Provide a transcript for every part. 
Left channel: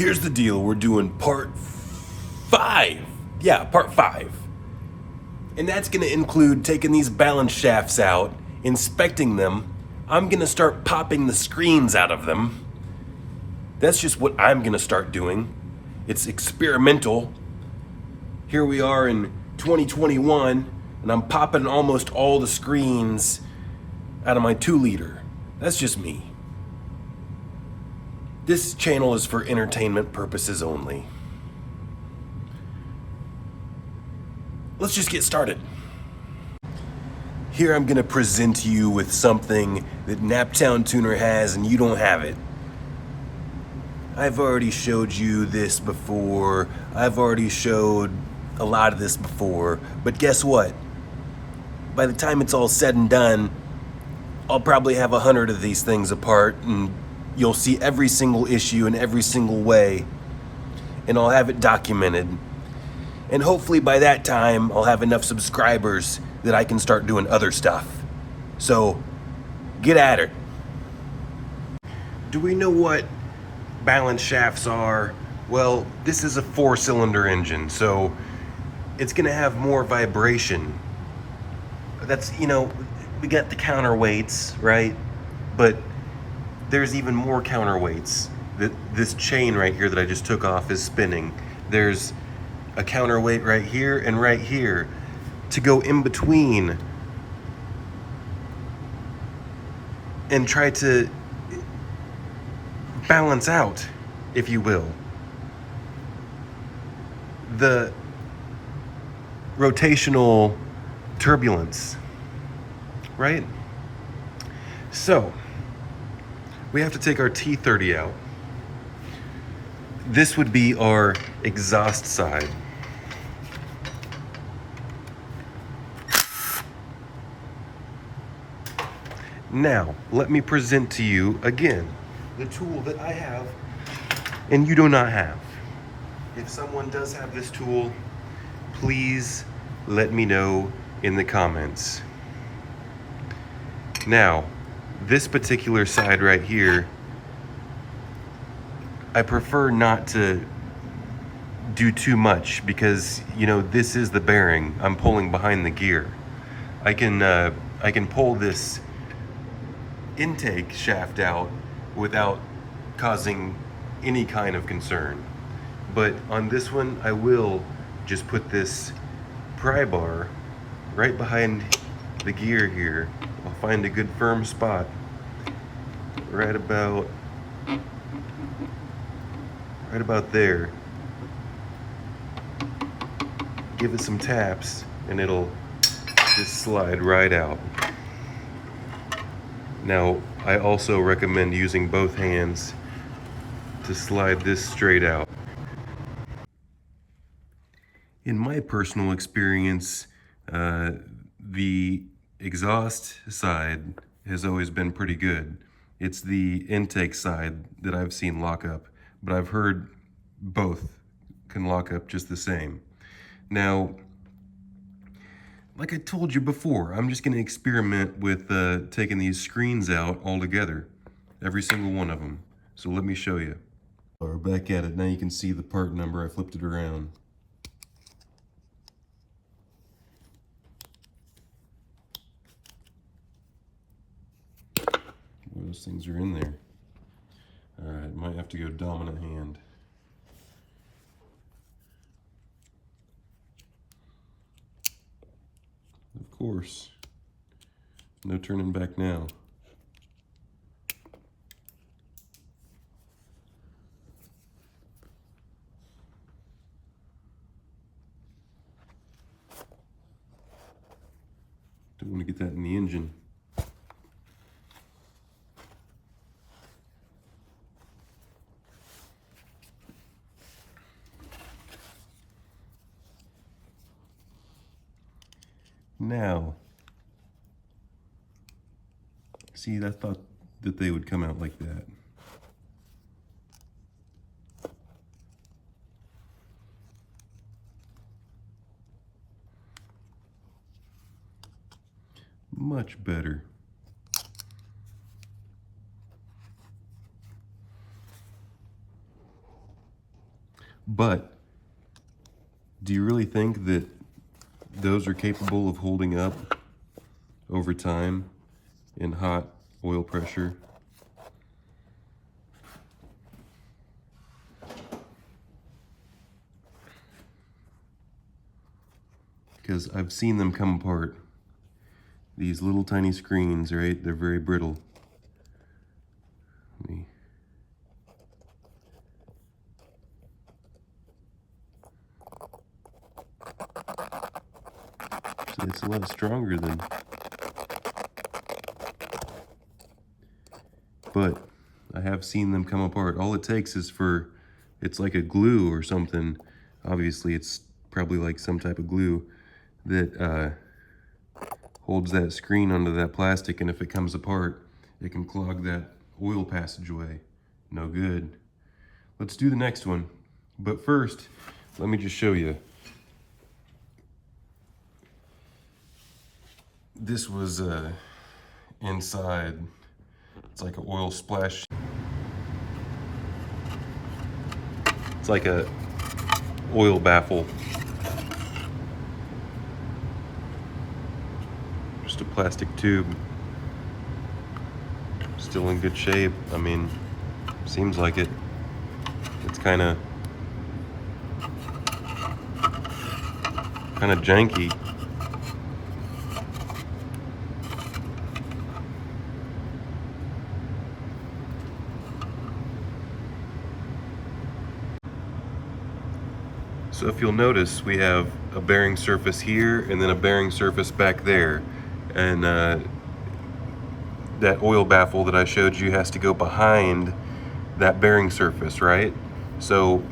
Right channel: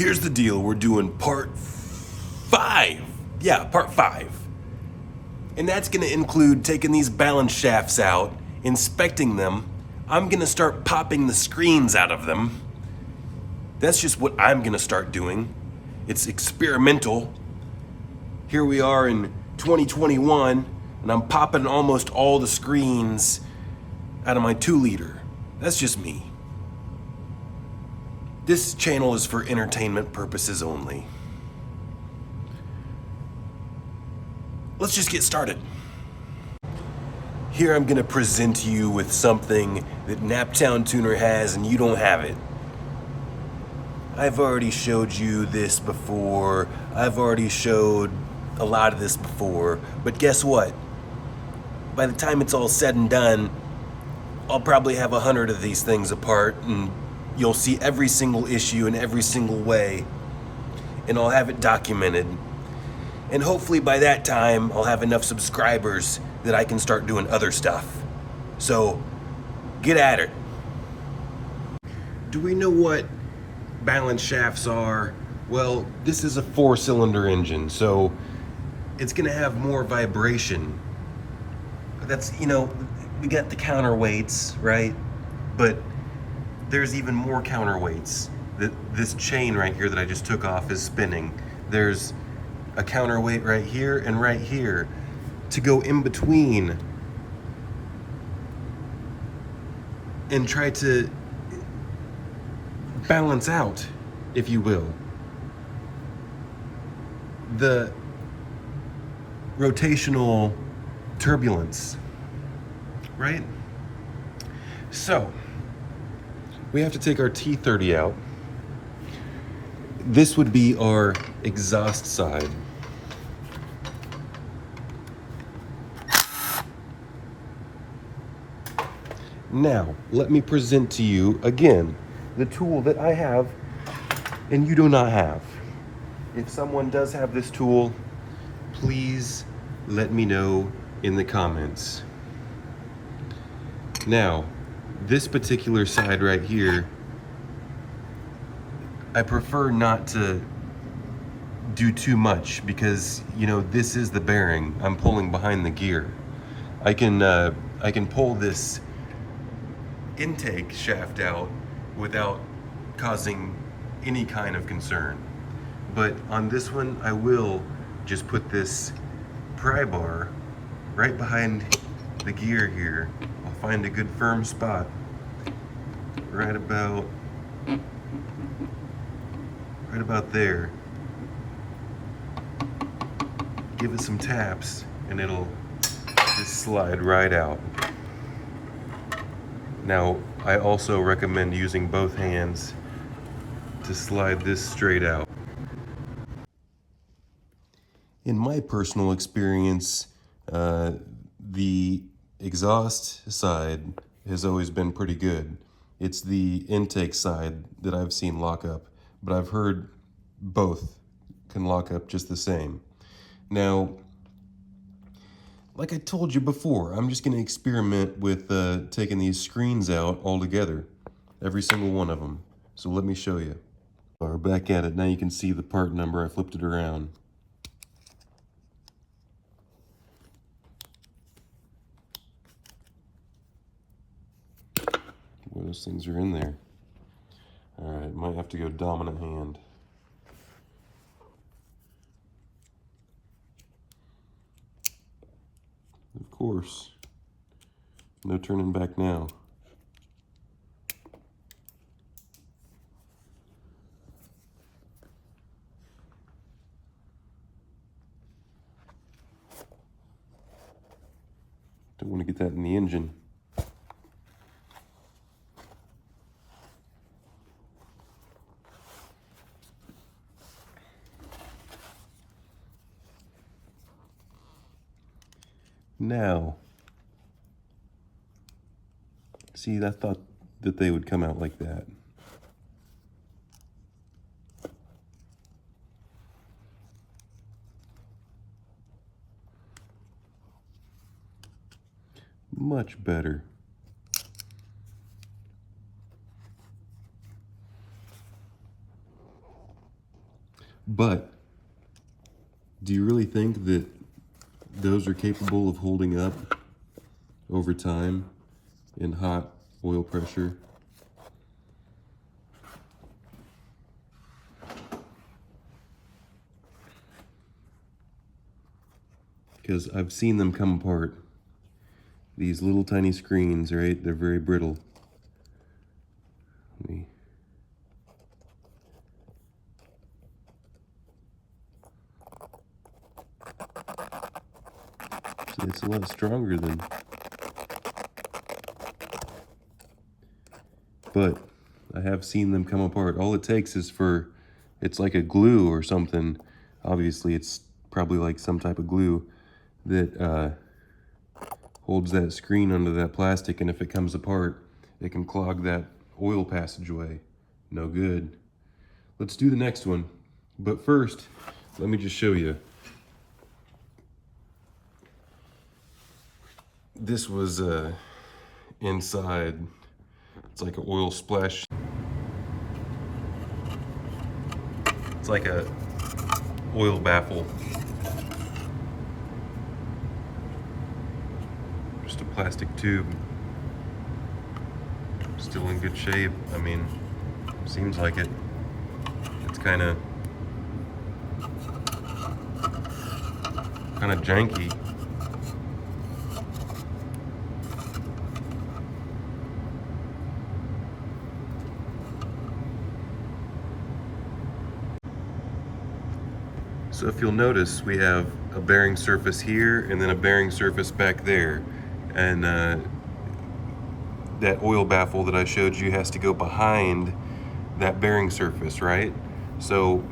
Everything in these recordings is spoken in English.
Here's the deal, we're doing part 5. Yeah, part 5. And that's gonna include taking these balance shafts out, inspecting them. I'm gonna start popping the screens out of them. That's just what I'm gonna start doing. It's experimental. Here we are in 2021, and I'm popping almost all the screens out of my 2-liter. That's just me. This channel is for entertainment purposes only. Let's just get started. Here I'm gonna present you with something that Naptown Tuner has and you don't have it. I've already showed you this before. I've already showed a lot of this before, but guess what? By the time it's all said and done, I'll probably have 100 of these things apart, and you'll see every single issue in every single way, and I'll have it documented. And hopefully by that time, I'll have enough subscribers that I can start doing other stuff. So, get at it. Do we know what balance shafts are? Well, this is a 4-cylinder engine, so it's gonna have more vibration. That's, we got the counterweights, right? But there's even more counterweights. This chain right here that I just took off is spinning. There's a counterweight right here and right here to go in between and try to balance out, if you will, the rotational turbulence, right? So, we have to take our T30 out. This would be our exhaust side. Now, let me present to you again the tool that I have and you do not have. If someone does have this tool, please let me know in the comments. Now, this particular side right here, I prefer not to do too much because, this is the bearing. I'm pulling behind the gear. I can pull this intake shaft out without causing any kind of concern. But on this one, I will just put this pry bar right behind the gear here. I'll find a good firm spot right about there. Give it some taps and it'll just slide right out. Now, I also recommend using both hands to slide this straight out. In my personal experience, the exhaust side has always been pretty good. It's the intake side that I've seen lock up, but I've heard both can lock up just the same. Now, like I told you before, I'm just going to experiment with taking these screens out altogether, every single one of them. So let me show you. We're back at it. Now you can see the part number. I flipped it around. Well, those things are in there. All right, might have to go dominant hand. Of course, no turning back now. Don't want to get that in the engine. Now, see, I thought that they would come out like that. Much better. But do you really think that those are capable of holding up over time in hot oil pressure? Because I've seen them come apart. These little tiny screens, right? They're very brittle. Let me... It's a lot stronger than... But I have seen them come apart. All it takes is for... It's like a glue or something. Obviously, it's probably like some type of glue that holds that screen onto that plastic, and if it comes apart, it can clog that oil passageway. No good. Let's do the next one. But first, let me just show you. This was inside. It's like an oil splash. It's like a oil baffle. Just a plastic tube. Still in good shape. I mean, seems like it. It's kind of janky. So if you'll notice, we have a bearing surface here and then a bearing surface back there. And that oil baffle that I showed you has to go behind that bearing surface, right? So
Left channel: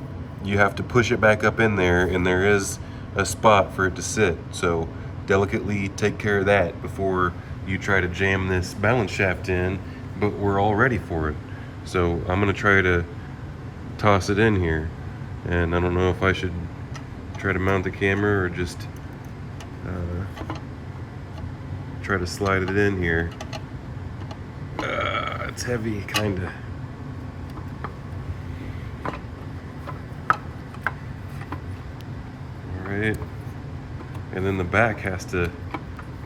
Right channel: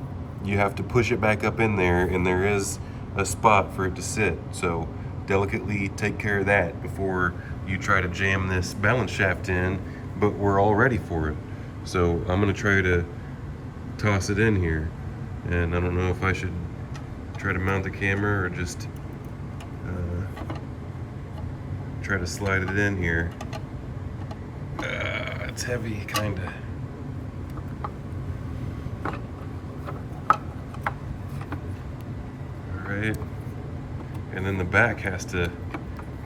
you have to push it back up in there, and there is a spot for it to sit. So delicately take care of that before you try to jam this balance shaft in, but we're all ready for it. So I'm gonna try to toss it in here. And I don't know if I should try to mount the camera or just try to slide it in here. It's heavy, kinda. All right, and then the back has to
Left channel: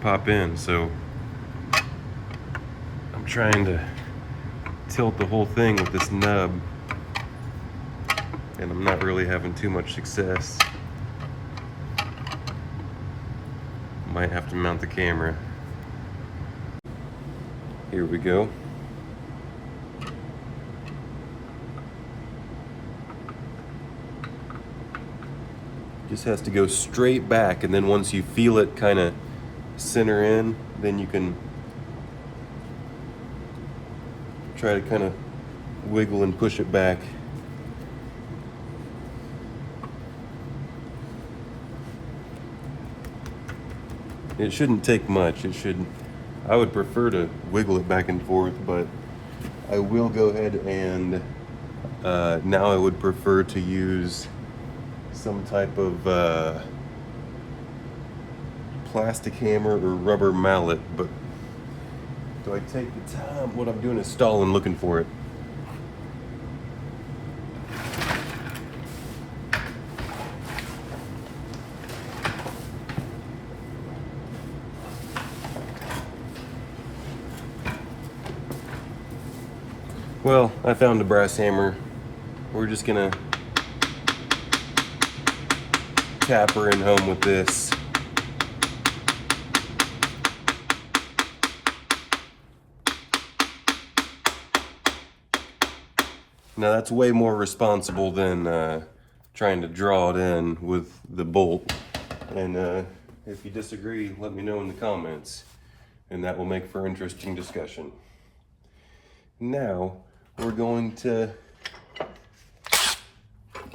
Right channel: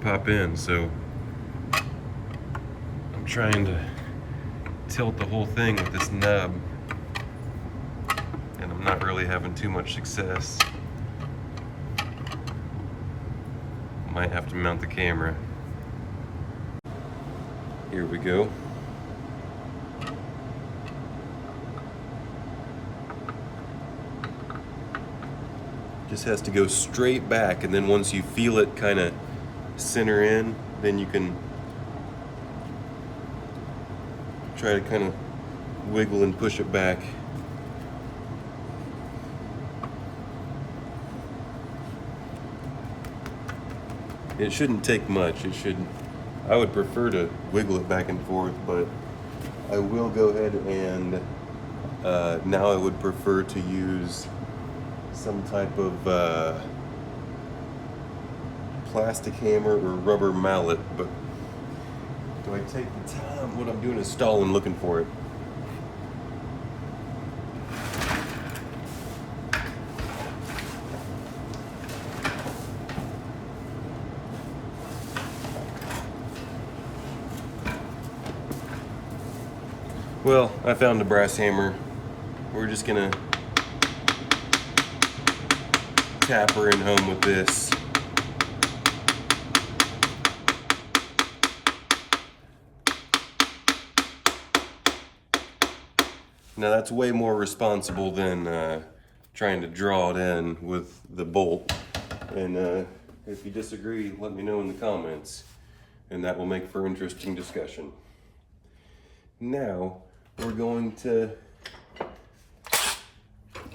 pop in, so I'm trying to tilt the whole thing with this nub, and I'm not really having too much success. Might have to mount the camera. Here we go. Just has to go straight back, and then once you feel it kind of center in, then you can try to kind of wiggle and push it back. It shouldn't take much. I would prefer to wiggle it back and forth, but I will go ahead and now I would prefer to use some type of plastic hammer or rubber mallet. But do I take the time? What I'm doing is stalling, looking for it. Well, I found a brass hammer. We're just gonna tap her in home with this. Now that's way more responsible than trying to draw it in with the bolt. And if you disagree, let me know in the comments, and that will make for interesting discussion. Now, we're going to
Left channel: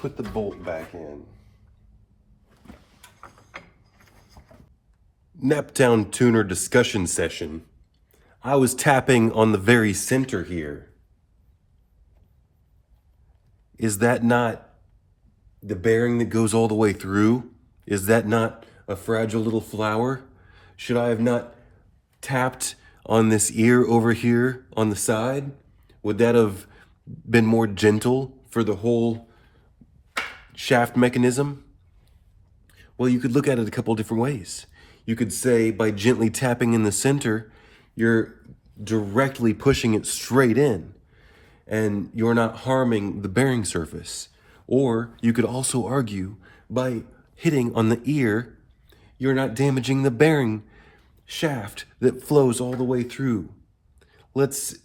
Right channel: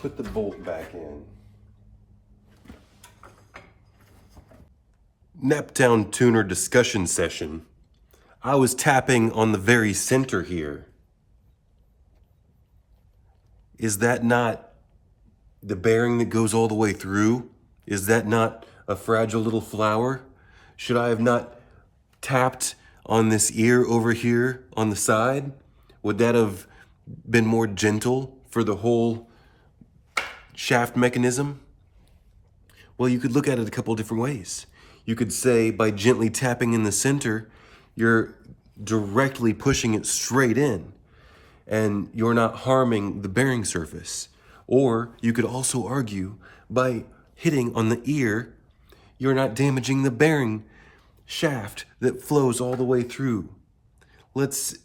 put the bolt back in. Naptown tuner discussion session. I was tapping on the very center here. Is that not the bearing that goes all the way through? Is that not a fragile little flower? Should I have not tapped on this ear over here on the side? Would that have been more gentle for the whole shaft mechanism? Well, you could look at it a couple different ways. You could say by gently tapping in the center, you're directly pushing it straight in and you're not harming the bearing surface. Or you could also argue by hitting on the ear, you're not damaging the bearing shaft that flows all the way through. Let's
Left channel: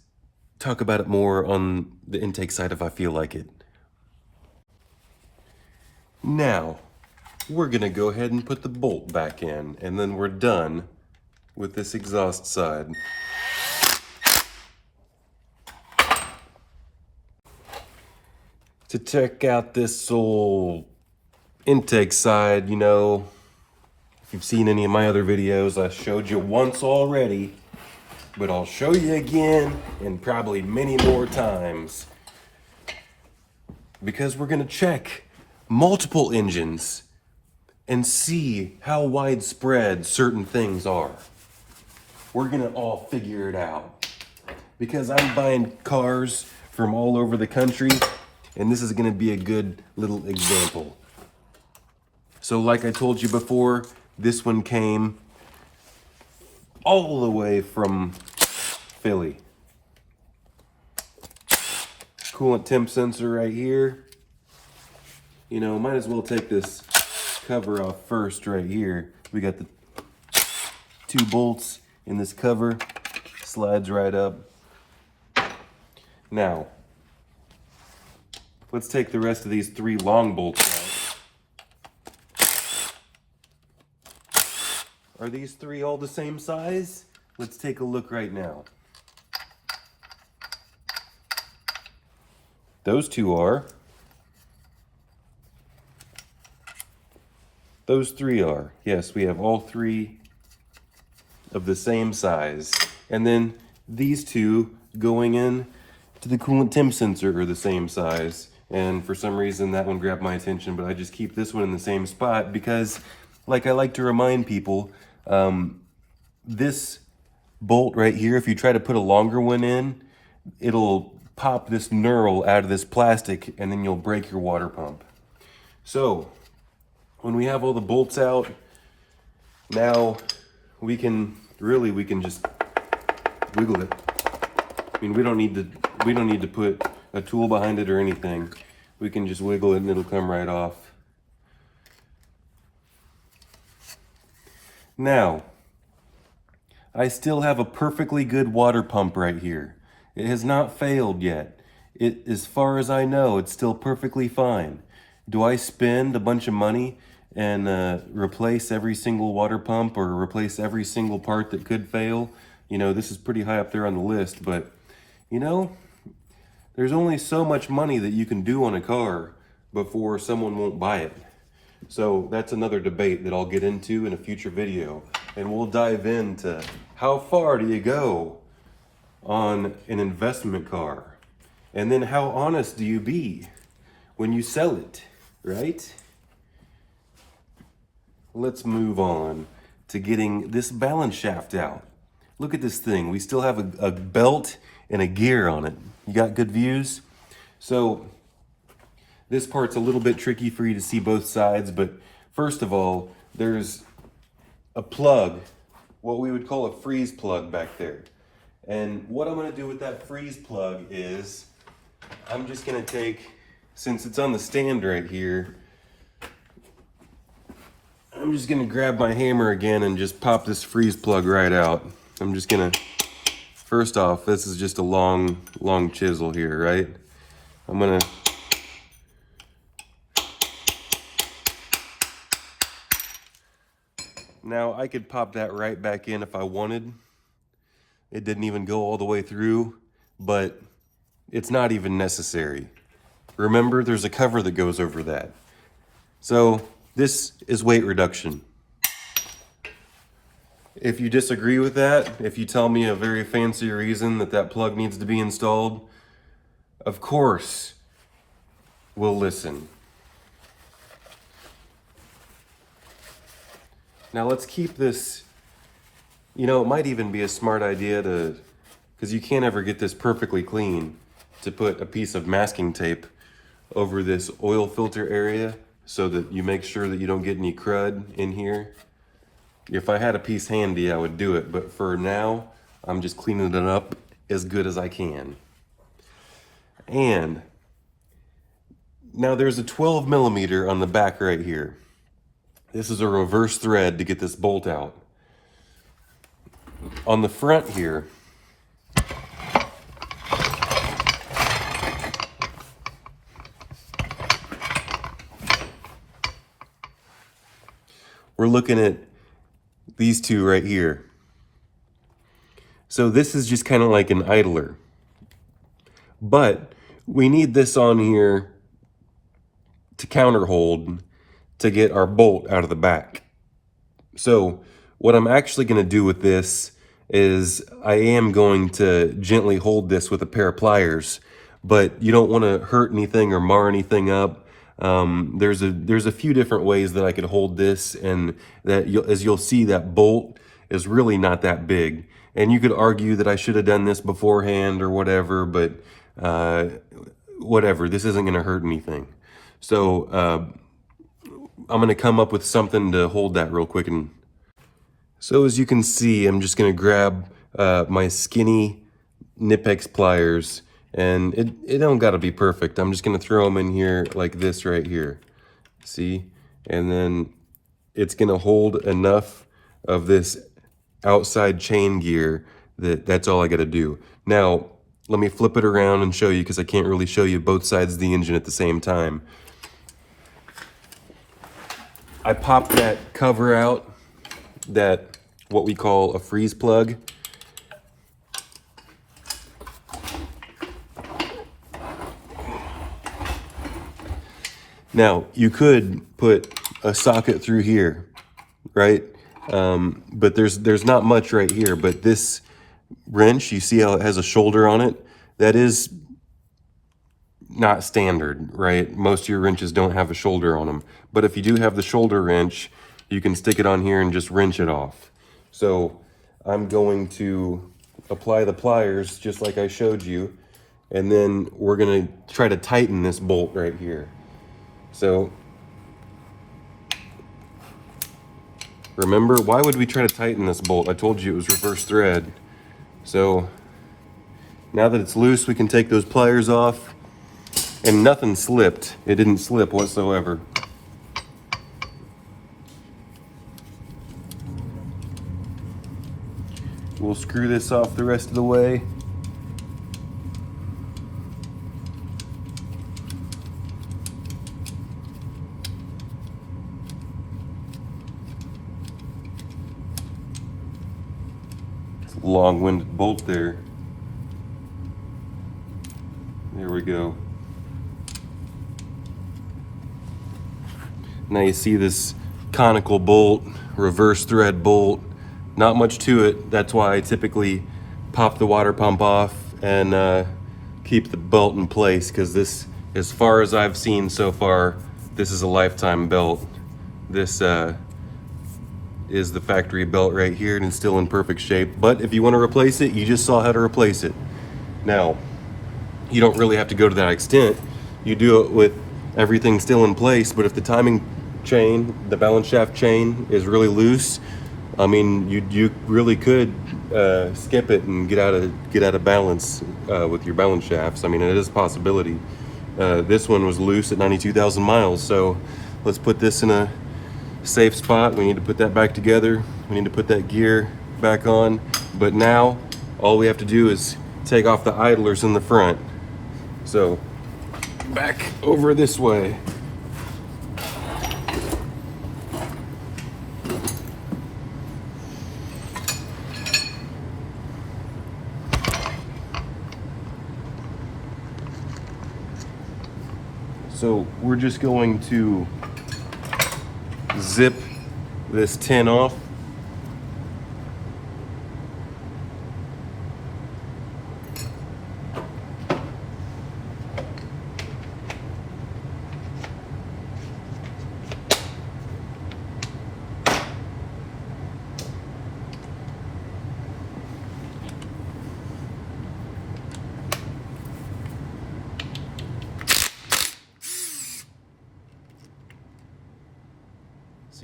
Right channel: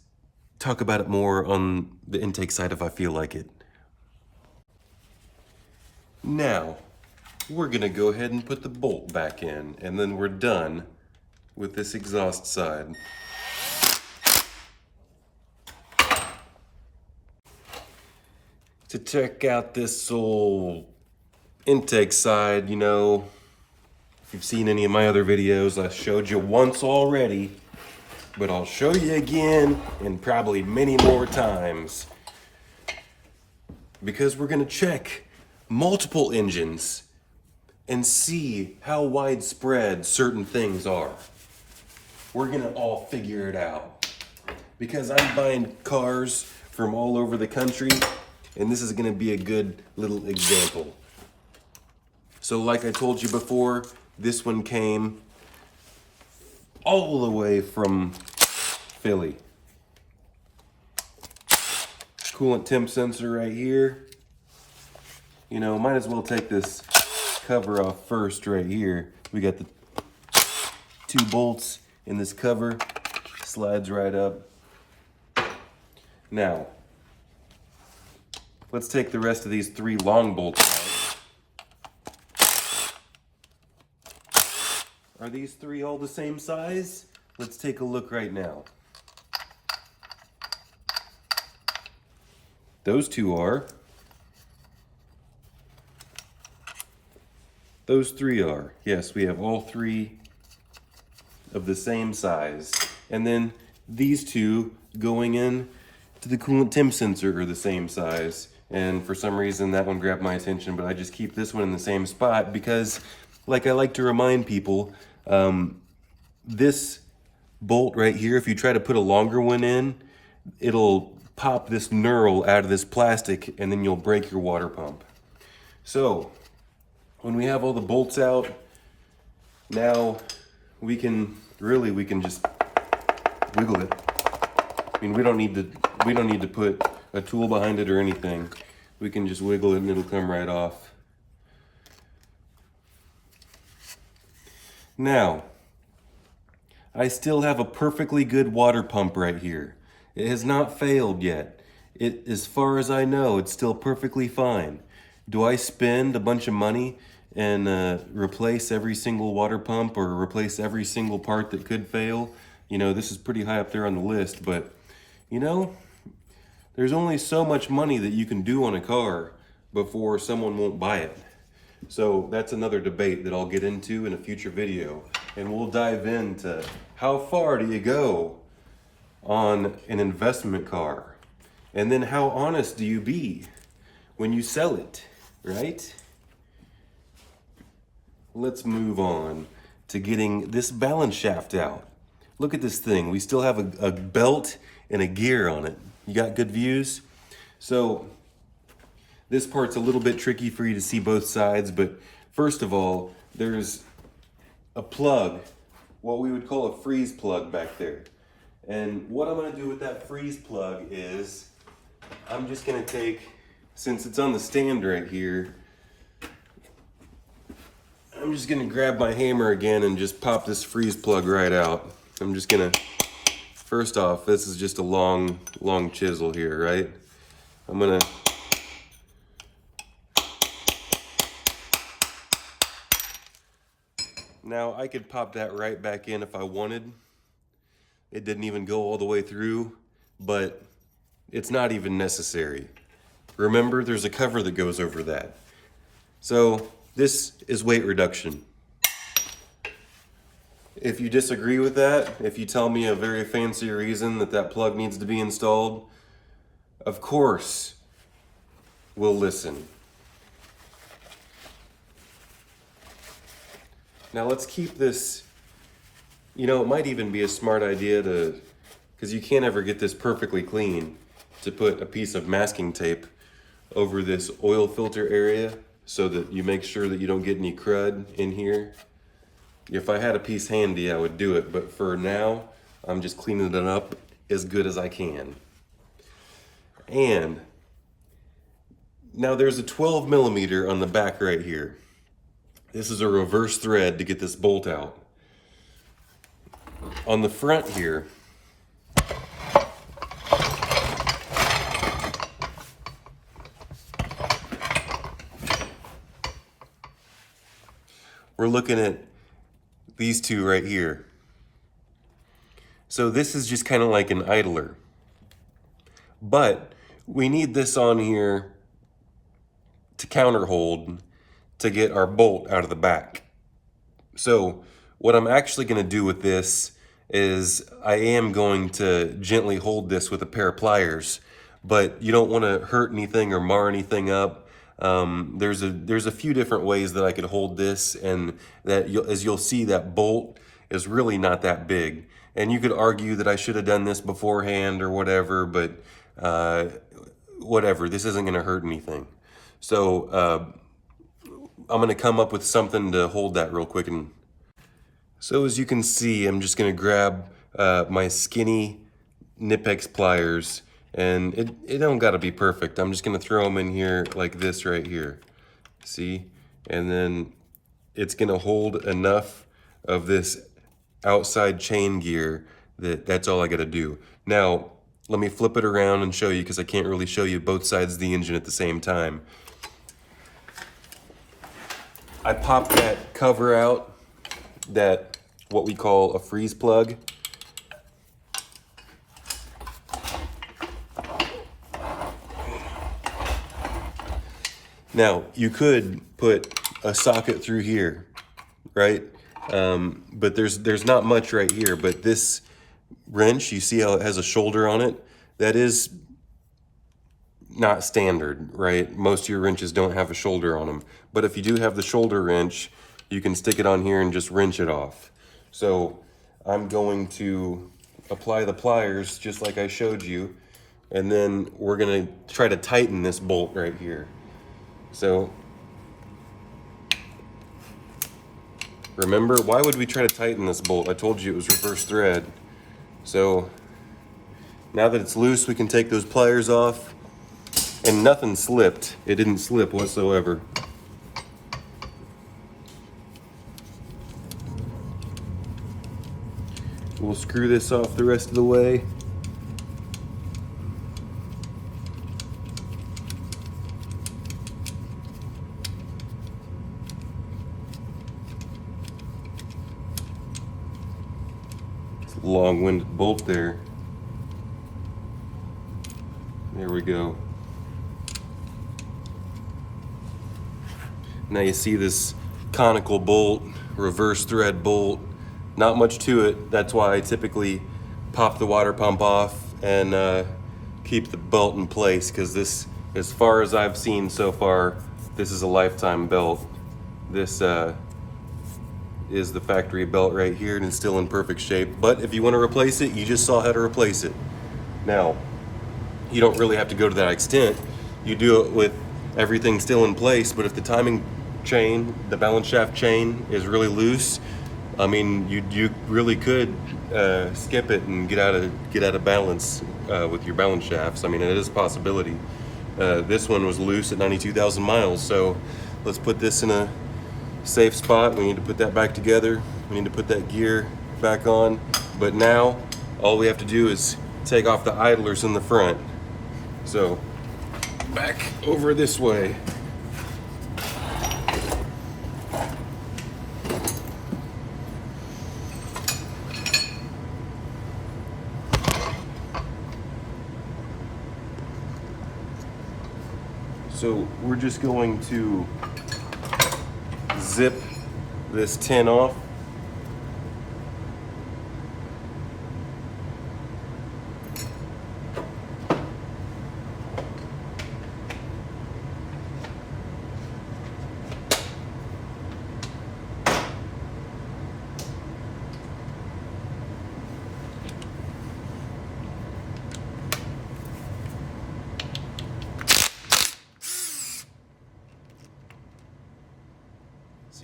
talk about it more on the intake side if I feel like it. Now, we're gonna go ahead and put the bolt back in, and then we're done with this exhaust side. To check out this old intake side, you know, if you've seen any of my other videos, I showed you once already, but I'll show you again and probably many more times. Because we're gonna check multiple engines and see how widespread certain things are. We're gonna all figure it out. Because I'm buying cars from all over the country, and this is gonna be a good little example. So like I told you before, this one came all the way from Philly. Coolant temp sensor right here. You know, might as well take this cover off first right here. We got the 2 bolts in this cover, slides right up. Now, let's take the rest of these 3 long bolts out. Are these 3 all the same size? Let's take a look right now. Those 2 are. Those 3 are. Yes, we have all 3 of the same size. And then these 2 going in to the coolant temp sensor are the same size. And for some reason that one grabbed my attention, but I just keep this one in the same spot because, like I like to remind people, this bolt right here, if you try to put a longer one in, it'll pop this knurl out of this plastic and then you'll break your water pump. So when we have all the bolts out, now we can just wiggle it. I mean, we don't need to put a tool behind it or anything. We can just wiggle it and it'll come right off. Now, I still have a perfectly good water pump right here. It has not failed yet. As far as I know, it's still perfectly fine. Do I spend a bunch of money and replace every single water pump or replace every single part that could fail? You know, this is pretty high up there on the list, but you know, there's only so much money that you can do on a car before someone won't buy it. So that's another debate that I'll get into in a future video. And we'll dive into how far do you go on an investment car? And then how honest do you be when you sell it, right? Let's move on to getting this balance shaft out. Look at this thing. We still have a belt and a gear on it. You got good views? So this part's a little bit tricky for you to see both sides, but first of all, there's a plug, what we would call a freeze plug back there. And what I'm gonna do with that freeze plug is, I'm just gonna take, since it's on the stand right here, I'm just gonna grab my hammer again and just pop this freeze plug right out. I'm just gonna, first off, this is just a long chisel here, right? I'm gonna, now I could pop that right back in if I wanted. It didn't even go all the way through, but it's not even necessary. Remember, there's a cover that goes over that. So this is weight reduction. If you disagree with that, if you tell me a very fancy reason that that plug needs to be installed, of course, we'll listen. Now let's keep this, you know, it might even be a smart idea to, because you can't ever get this perfectly clean, to put a piece of masking tape over this oil filter area so that you make sure that you don't get any crud in here. If I had a piece handy, I would do it, but for now, I'm just cleaning it up as good as I can. And now there's a 12 millimeter on the back right here. This is a reverse thread to get this bolt out. On the front here, we're looking at these two right here. So this is just kind of like an idler. But we need this on here to counterhold to get our bolt out of the back. So what I'm actually going to do with this is I am going to gently hold this with a pair of pliers, but you don't want to hurt anything or mar anything up. There's a few different ways that I could hold this, and that as you'll see, that bolt is really not that big. And you could argue that I should have done this beforehand or whatever, but whatever, this isn't going to hurt anything. So I'm going to come up with something to hold that real quick. And so as you can see, I'm just going to grab my skinny Nipex pliers, and it don't got to be perfect. I'm just going to throw them in here like this right here. See? And then it's going to hold enough of this outside chain gear that's all I got to do. Now, let me flip it around and show you, because I can't really show you both sides of the engine at the same time. I popped that cover out, that what we call a freeze plug. Now, you could put a socket through here, right? But there's not much right here, but this wrench, you see how it has a shoulder on it? That is not standard, right? Most of your wrenches don't have a shoulder on them. But if you do have the shoulder wrench, you can stick it on here and just wrench it off. So I'm going to apply the pliers just like I showed you, and then we're gonna try to tighten this bolt right here. So remember, why would we try to tighten this bolt? I told you it was reverse thread. So now that it's loose, we can take those pliers off, and nothing slipped. It didn't slip whatsoever. We'll screw this off the rest of the way. It's a long-winded bolt there. There we go. Now you see this conical bolt, reverse thread bolt. Not much to it. That's why I typically pop the water pump off and keep the belt in place, because this, as far as I've seen so far, this is a lifetime belt. This is the factory belt right here, and it's still in perfect shape. But if you want to replace it, you just saw how to replace it. Now, you don't really have to go to that extent. You do it with everything still in place, but if the timing chain, the balance shaft chain, is really loose, I mean, you really could skip it and get out of balance with your balance shafts. I mean, it is a possibility. This one was loose at 92,000 miles, so let's put this in a safe spot. We need to put that back together. We need to put that gear back on. But now, all we have to do is take off the idlers in the front. So, back over this way. So we're just going to zip this tin off.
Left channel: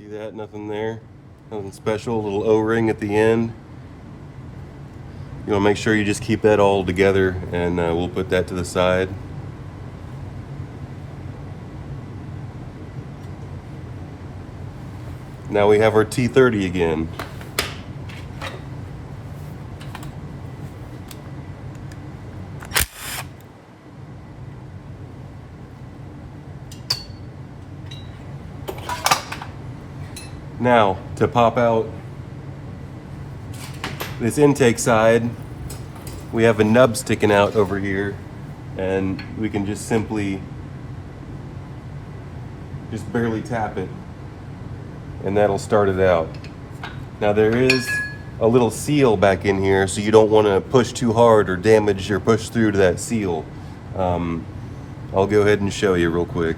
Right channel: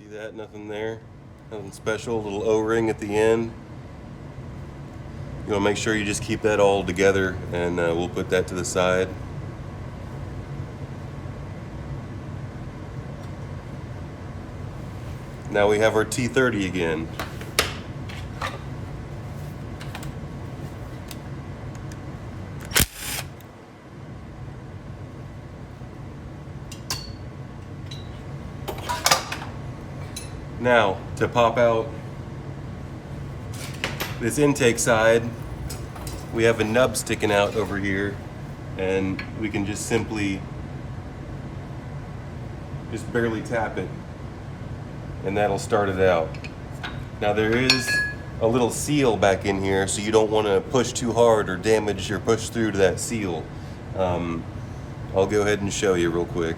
See that? Nothing there. Nothing special. A little O-ring at the end. You want to make sure you just keep that all together, and we'll put that to the side. Now we have our T30 again. Now, to pop out this intake side, we have a nub sticking out over here, and we can just simply just barely tap it, and that'll start it out. Now there is a little seal back in here, so you don't want to push too hard or damage or push through to that seal. I'll go ahead and show you real quick.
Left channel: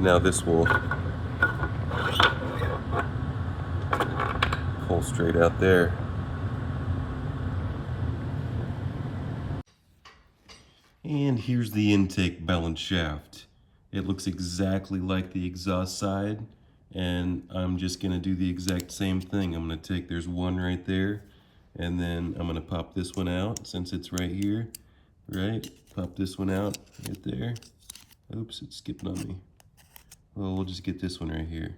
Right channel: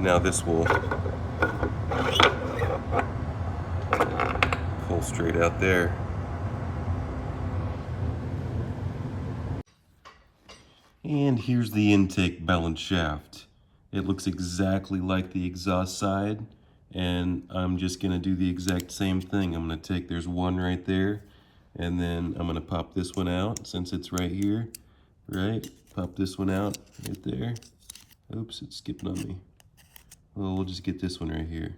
Now this will pull straight out there. And here's the intake balance shaft. It looks exactly like the exhaust side, and I'm just gonna do the exact same thing. I'm gonna take, there's one right there, and then I'm gonna pop this one out since it's right here, right? Pop this one out right there. Oops, it's skipping on me. Well, we'll just get this one right here.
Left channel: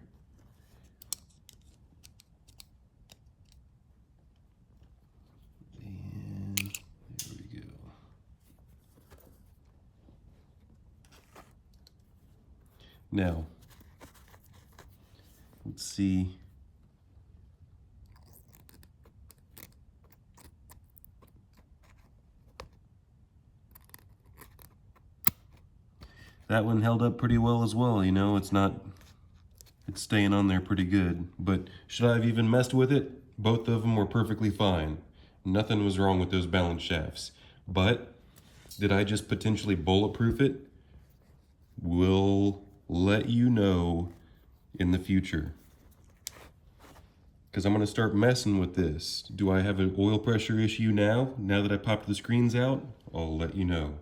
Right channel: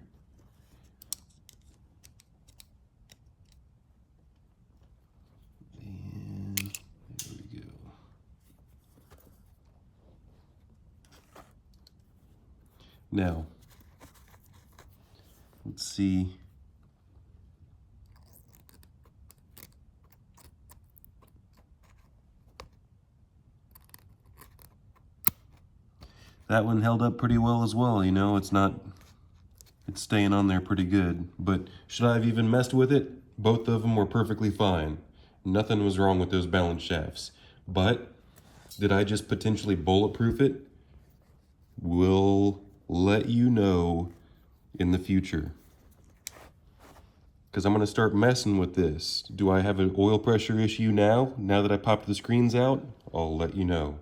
And there we go. Now, let's see. That one held up pretty well as well, you know, it's staying on there pretty good. But should I have even messed with it? Both of them were perfectly fine. Nothing was wrong with those balance shafts. But did I just potentially bulletproof it? We'll let you know in the future. Because I'm going to start messing with this. Do I have an oil pressure issue now? Now that I popped the screens out? I'll let you know.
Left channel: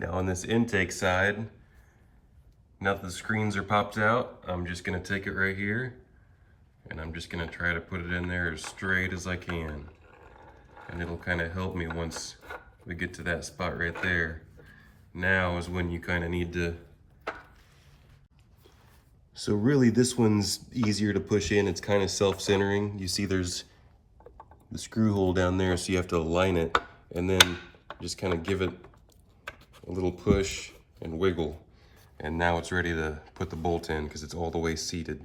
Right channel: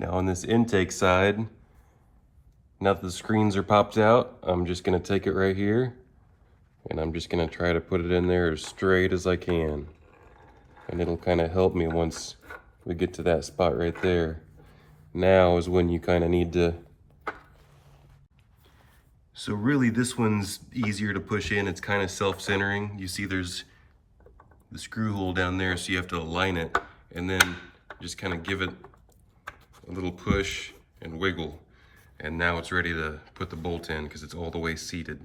Now on this intake side, now that the screens are popped out, I'm just gonna take it right here, and I'm just gonna try to put it in there as straight as I can. And it'll kind of help me once we get to that spot right there. Now is when you kind of need to. So really this one's easier to push in. It's kind of self-centering. You see there's the screw hole down there, so you have to align it and then just kind of give it a little push and wiggle, and now it's ready to put the bolt in because it's all the way seated.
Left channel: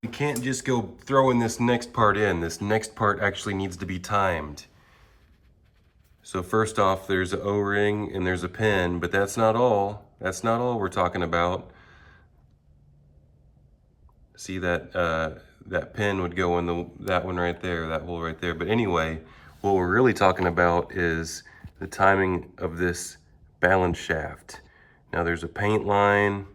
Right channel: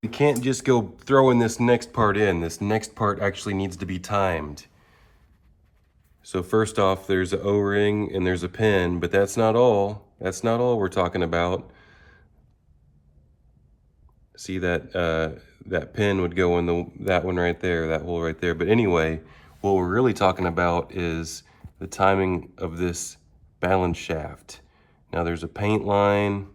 You can't just go throwing this next part in. This next part actually needs to be timed. So first off, there's an O-ring and there's a pin, but that's not all. That's not all we're talking about. See that that pin would go in that one right there, that hole right there. But anyway, what we're really talking about is the timing of this balance shaft. Now there's a paint line,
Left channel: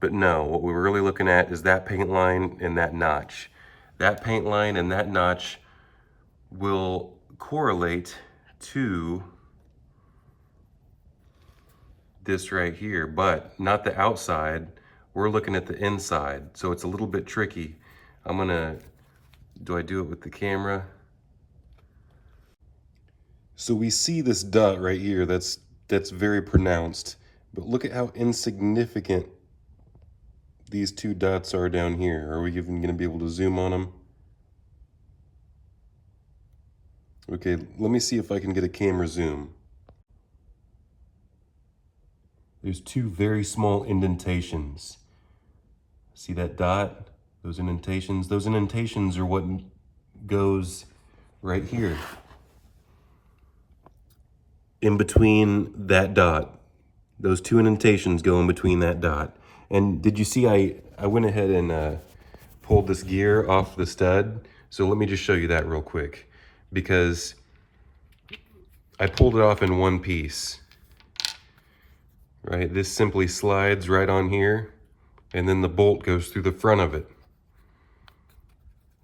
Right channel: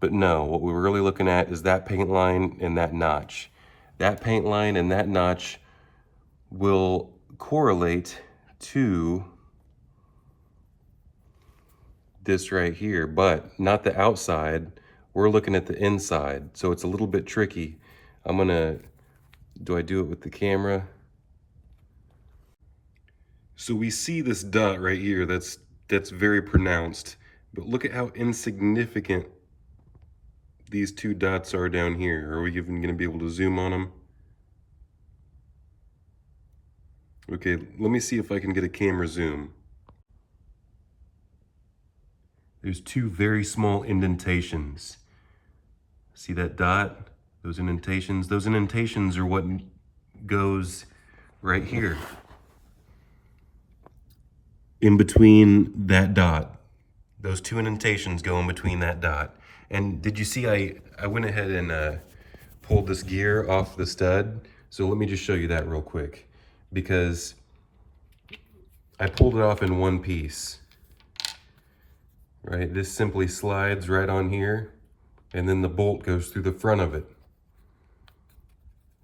but no, what we were really looking at is that paint line and that notch. That paint line and that notch will correlate to this right here, but not the outside. We're looking at the inside, so it's a little bit tricky. Do I do it with the camera? So we see this dot right here, that's very pronounced, but look at how insignificant these two dots are down here. Are we even gonna be able to zoom on them? Okay, let me see if I can get a camera zoom. There's two very small indentations. See that dot? Those indentations? Those indentations are what goes right here. In between that dot. Those two indentations go in between that dot. And did you see I went ahead and pulled this gear off the stud? So let me just show you that real quick. Because I pulled it off in one piece. right? This simply slides right on here, and then the bolt goes through the front of it.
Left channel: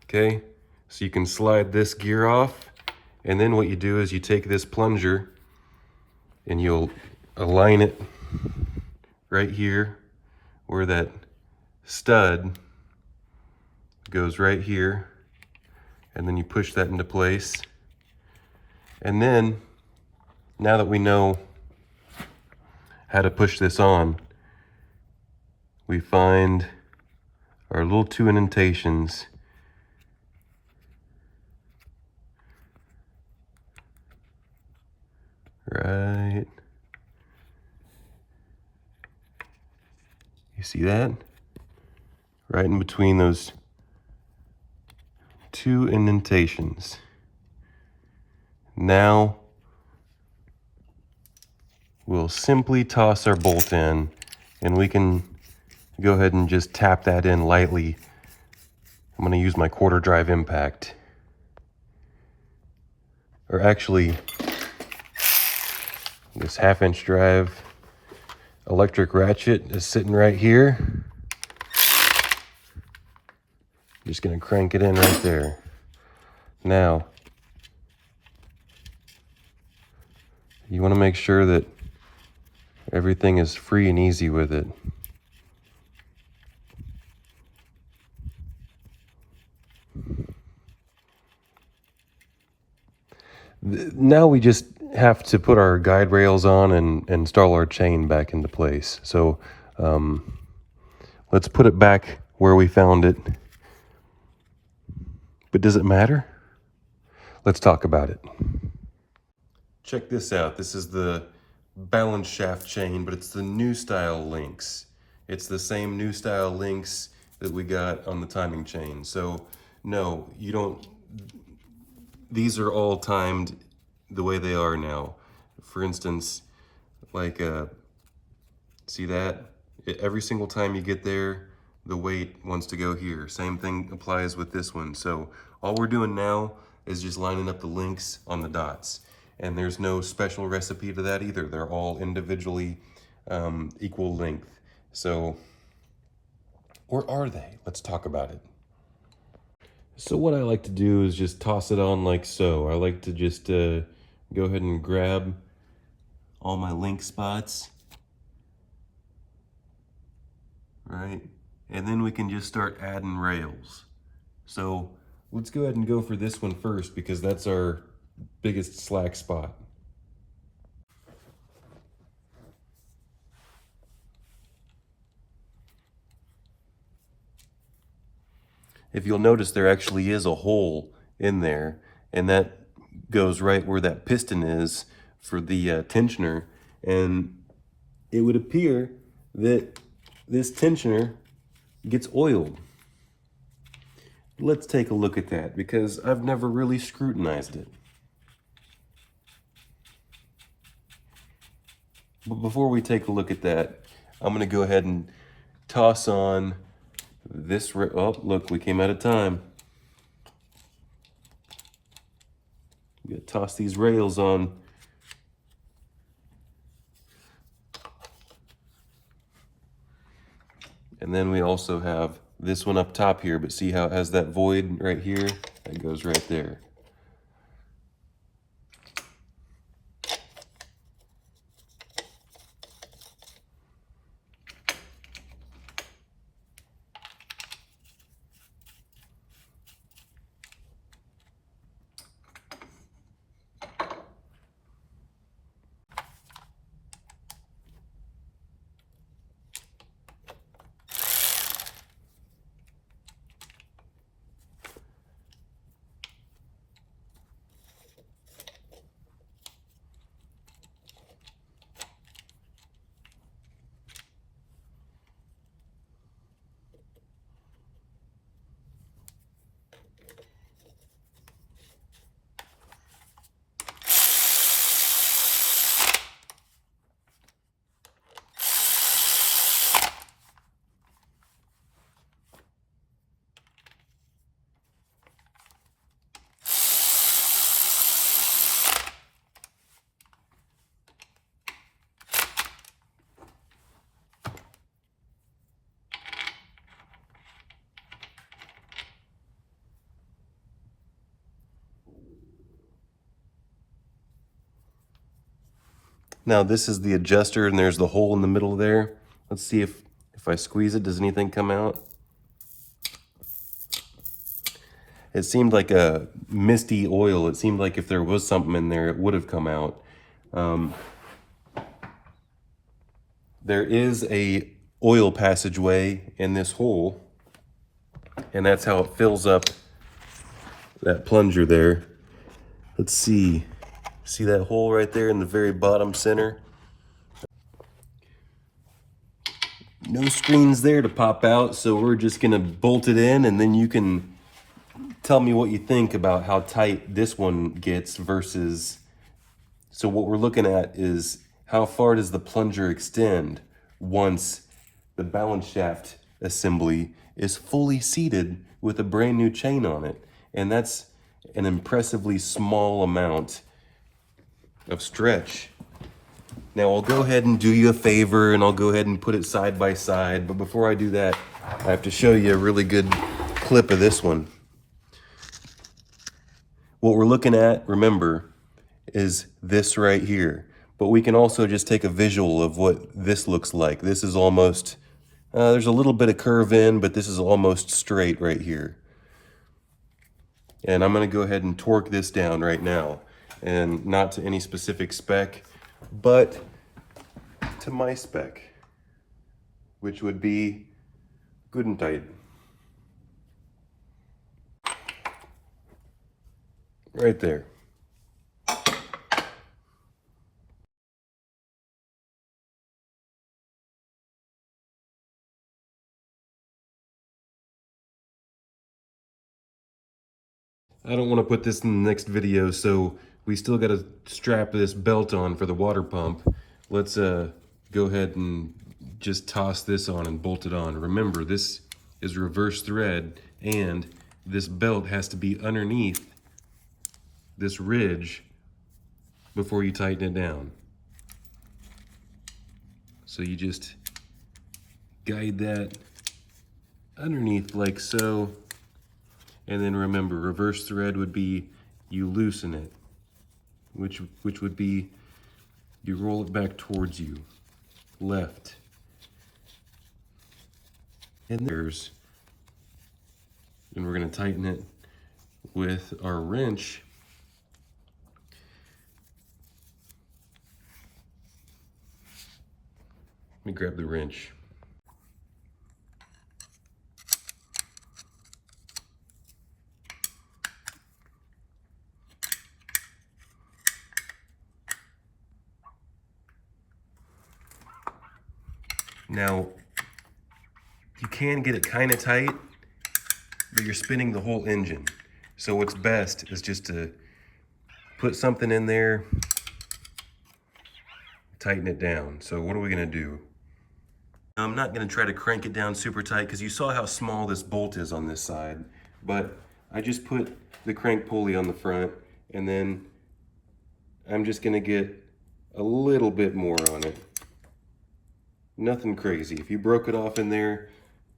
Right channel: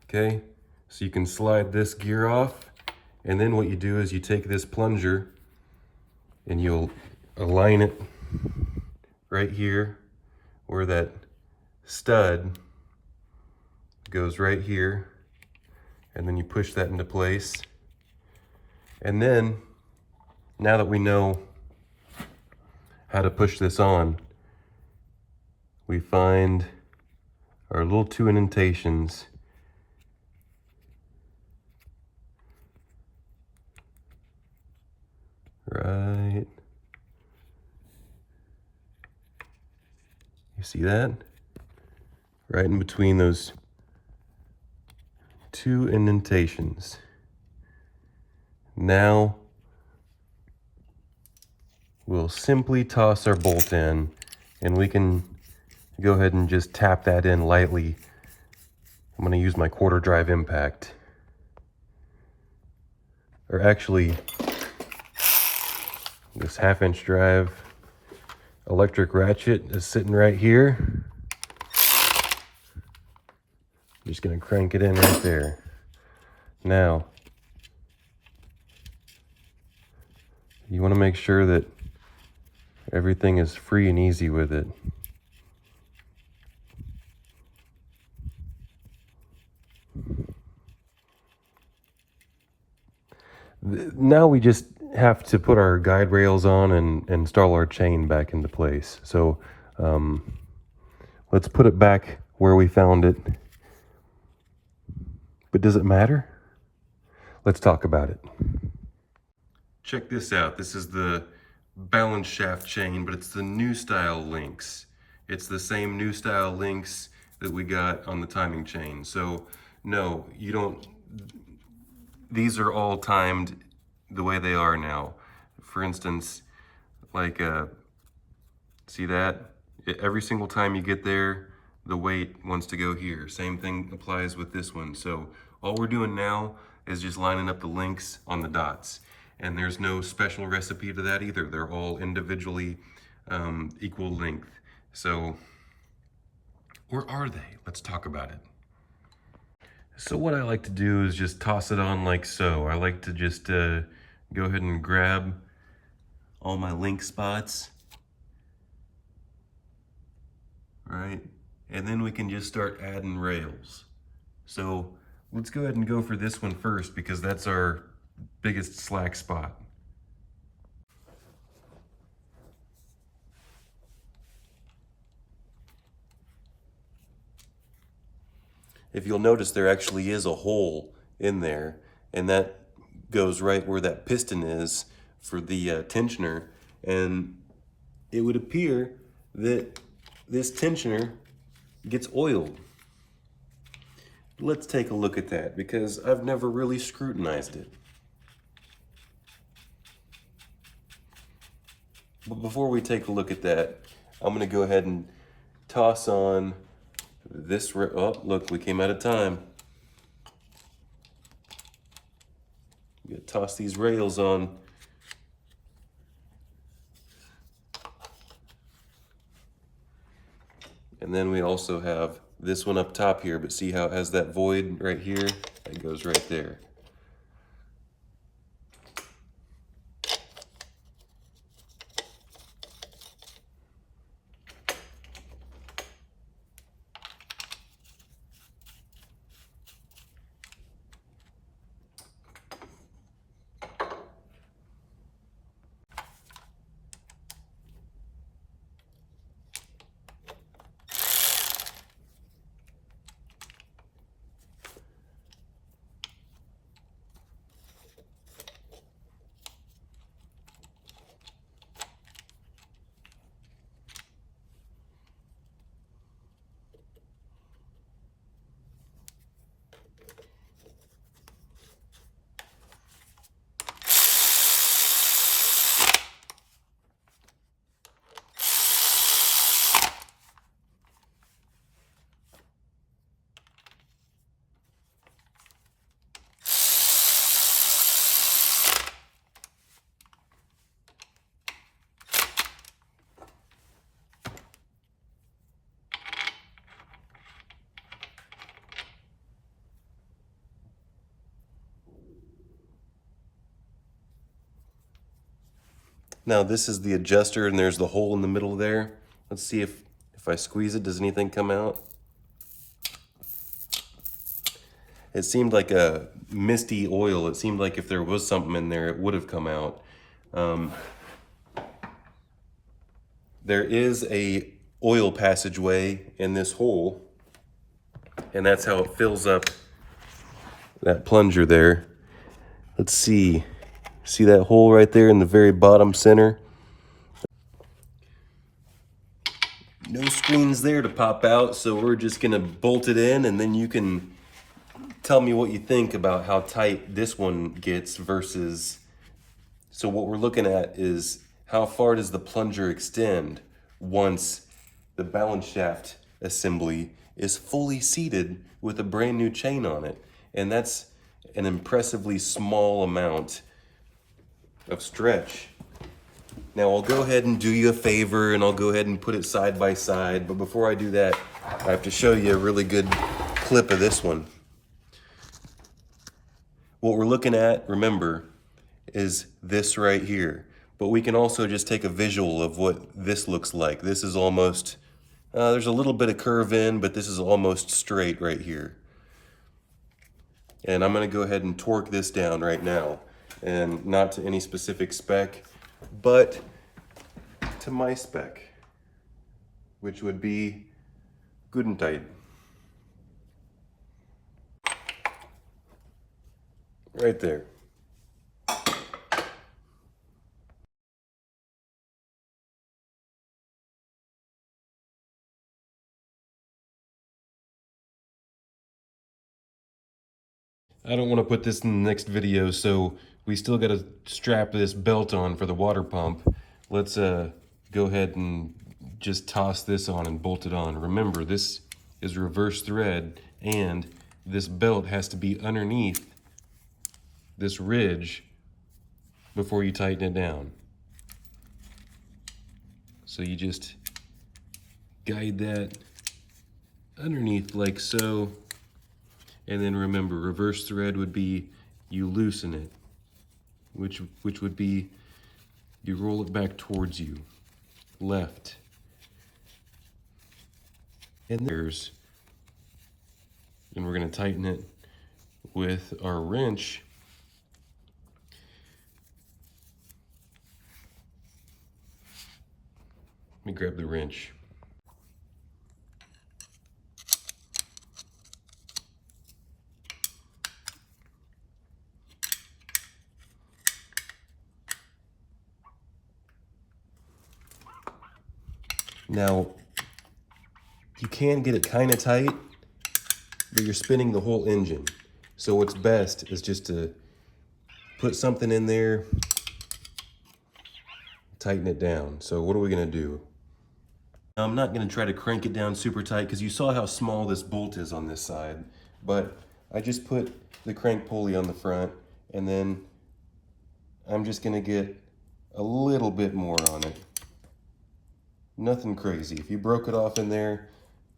Okay, so you can slide this gear off, and then what you do is you take this plunger and you'll align it right here where that stud goes right here, and then you push that into place. And then, now that we know how to push this on, we find our little 2 indentations. Right. You see that? Right in between those 2 indentations. Now, we'll simply toss our bolt in, and we can go ahead and just tap that in lightly. I'm going to use my quarter drive impact. Or actually, this 1/2-inch drive electric ratchet is sitting right here. Just going to crank it in right there. Now, you want to make sure that everything is free and easy with it. Now we just have to put our guide rails on and install our chain back into place. So let's put it back where we found it. But does it matter? Let's talk about it. Check this out. This is the balance shaft chain, but it's the new style links. It's the same new style links that we got on the timing chain. So no, you don't, these are all timed the way they are now. For instance, like, see that? Every single time you get there, the weight wants to go here. Same thing applies with this one. So all we're doing now is just lining up the links on the dots. And there's no special recipe to that either. They're all individually equal length. So where are they? Let's talk about it. So what I like to do is just toss it on like so. I like to just go ahead and grab all my link spots, right? And then we can just start adding rails. So let's go ahead and go for this one first because that's our biggest slack spot. If you'll notice, there actually is a hole in there, and that goes right where that piston is for the tensioner. And it would appear that this tensioner gets oiled. Let's take a look at that because I've never really scrutinized it. But before we take a look at that, I'm going to go ahead and toss on this. Oh, look, we came out of time. I'm going to toss these rails on. And then we also have this one up top here, but see how it has that void right here? That goes right there. Now this is the adjuster and there's the hole in the middle there. Let's see if I squeeze it, does anything come out? It seemed like a misty oil. It seemed like if there was something in there, it would have come out. There is a oil passageway in this hole, and that's how it fills up that plunger there. Let's see. See that hole right there in the very bottom center? No screens there to pop out, so we're just gonna bolt it in, and then you can tell me what you think about how tight this one gets versus... So what we're looking at is how far does the plunger extend once the balance shaft assembly is fully seated with a brand new chain on it. And that's an impressively small amount of stretch. Now I'll go ahead and do you a favor and I'll go ahead and put it side by side, but before I do that, I have to show you a really good clip of this one. What we're looking at, remember, is this right here. But we can also just take a visual of what this looks like. This is almost, there's a little bit of curve in, but this is almost straight right here. And I'm gonna go ahead and torque this down right now. And not to any specific spec, but to my spec, which would be good and tight. Right there. I don't want to put this in the next video, so we still got to strap this belt on for the water pump. Let's go ahead and just toss this on and bolt it on. Remember, this is reverse thread, and this belt has to be underneath this ridge before you tighten it down. So you just guide that underneath like so. And then remember, reverse thread would be you loosen it, which would be you roll it back towards you, left. And we're gonna tighten it with our wrench. Let me grab the wrench. Now, you can get it kind of tight, but you're spinning the whole engine. So what's best is just to put something in there, tighten it down. So what are we gonna do? I'm not gonna try to crank it down super tight because you saw how small this bolt is on this side, but I just put the crank pulley on the front, and then I'm just gonna get a little bit more on it. Nothing crazy. If you broke it off in there,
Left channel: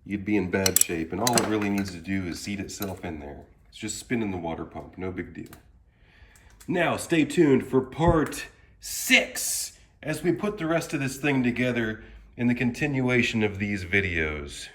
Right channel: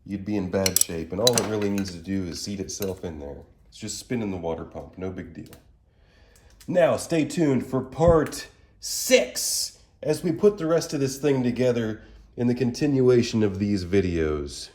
you'd be in bad shape, and all it really needs to do is seat itself in there. It's just spinning the water pump, no big deal. Now, stay tuned for part 6 as we put the rest of this thing together in the continuation of these videos.